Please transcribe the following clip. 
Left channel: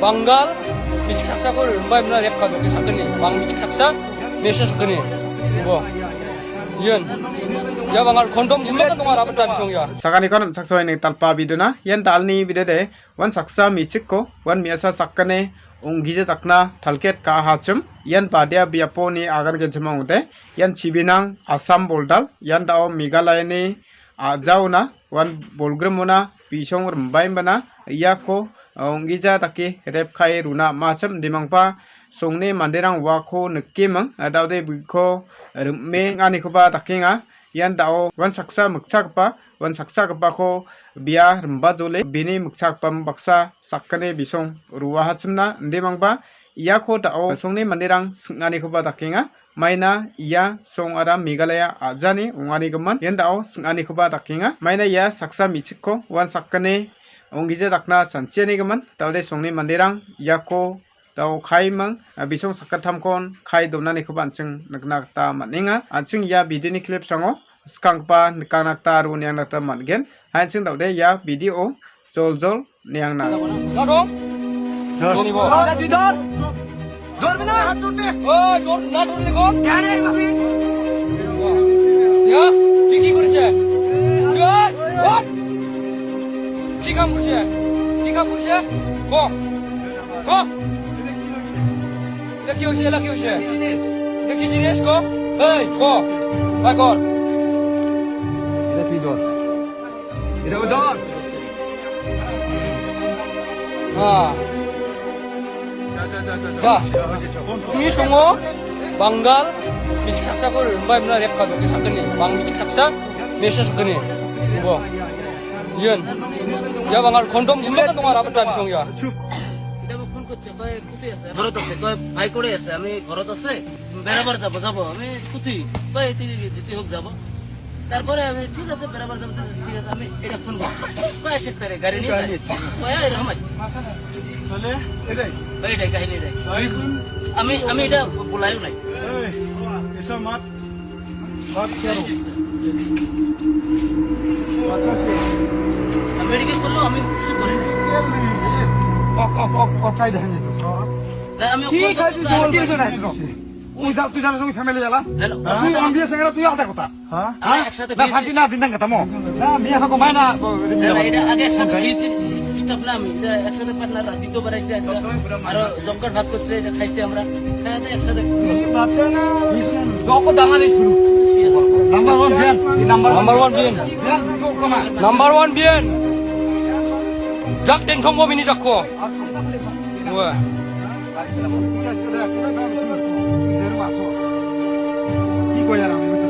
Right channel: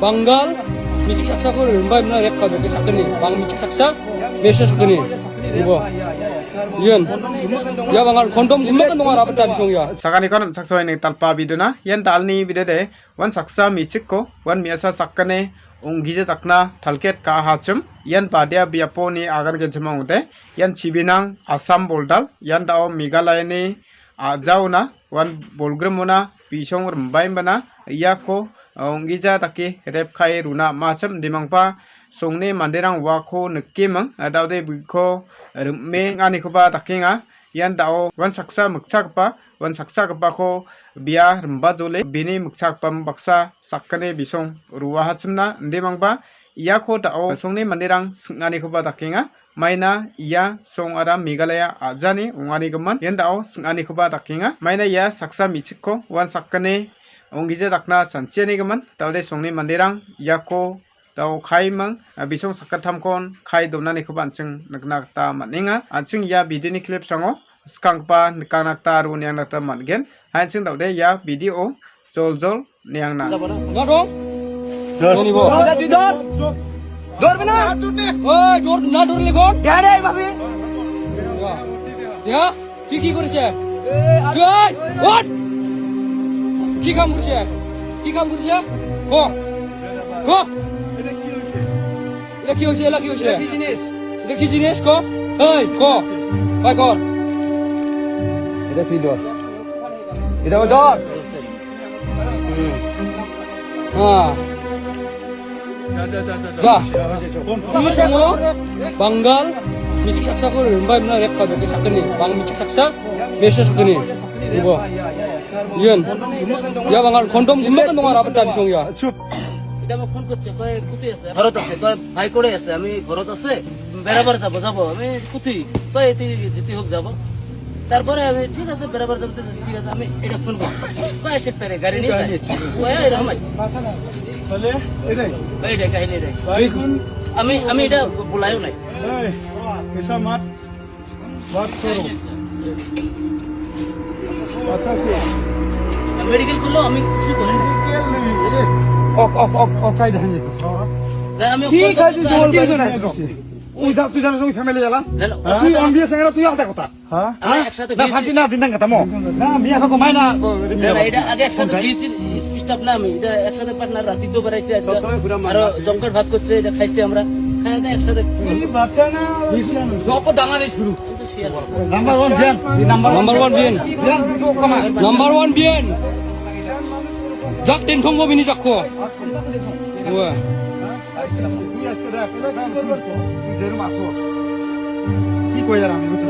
Banggal, micik saksa ko rin ba na rep ka doon sa kani, bang micik saksa, mesya sa kani, ibo, yun, ya bangal kondom gumakan dong arapat tadi song ya. Sakani kon saksoy ni talpa biduna yan dalni bidede wan saksa misikko wan miasa sakkane ungije takna thalket ka hachum yan padia biapo ni agar gejema ute yan chibinang Assam boldal yan dao Meghalaya ni ajauna wan bolgremona pisong rembai bana yako ungija taki rep khai runa masam dimangpa songni manderang wako nekimang daude biko me ngani khoba takinga yan dao wan saksa mukchakpa wan saksa ko bia remba jole bini mukchakpam baksa sakkane bisong ruwa hachumna ndemangba iyako dao songni manderang singani khoba takinga maina iya song ara Meghalaya ajani ungani gman yan dao singani khoba takinga maina iya saksa michikko wan sakkane ongije dakna chanchiani gman daude songni manderang iyako dao khai mang bisong sakatamkon khai donani khoba anching naknakta maninga anching ya bidini clip sango skangpa nikangakta ru niangnakta matgen anching daude ya video jol niangna Na dong, ini bo. Dor bina. Oh, na dor legon. Dare babi. Ya, কি করছে? জয়, ওঠ। কি কাম করছে? কি কাম করছে? ক। ক। এটা কি হইছে? এটা কি জিনিস ক? এই, ক। ভাই কর। এটা তুই দর। এটা ও দর। হ্যাঁ। যা। 이 সমো বাঙ্গাল 미직 saksa ko rin ba na rep ka doon sa kani, bang michik saksa, mesya sa kani, ibo, yun, ya bangal kondom gumakan dong arapat tadi song ya. এটা মোক ফোন করছে কয় কুতি আছে ঘরত আছে কয় ভাই করে আছে আমি ঘরত আছে বেড়াবার যাবো আমি কুতি কয় এতে যেতে হোক যাব তারপরে আমি ঠিক আছে বেড়াবার যাবো ঠিক আছে আমি এটা ফোন করছি কয় সেক্টরে গাড়ি নিয়ে কয় এরকম আছে তাহলে এটাই এইটাই কাহিনী এটাই আমি এটা বলাইও নাই ऐसा मत बात करो अच्छा से মেডিকেল করলেও আমি কিছু করি না অকাই ধান যেতে তাই আমি কি খাইছিস বল তুই জানিস ওই ফ্যামিলি জ্বালা তুই অম্বিয়া সঙ্গে তুই আলাদা কথা হ্যাঁ আমি একসাথে না ফাটি না দিন কথা মো না মিয়া কাকো মাইনা এটা আগে একসাথে স্টাফ না আমি এটা একসাথে পার্টনার রাতে তো বেড়াইছে আর জমকাট ভাত করছে এটা খাইছে আমরা খাই একসাথে বাচ্চা না সব দানা দিয়ে শুরু নাম্বার 1 বিয়ান Number one bin, বিয়ান তো কমা number one bin. Jak den kong mo bini jakko. Wah. তুই আজকে দেখ পুরো গান শুরু তুই যেরকম আসো কি কই আর আমি বুঝছ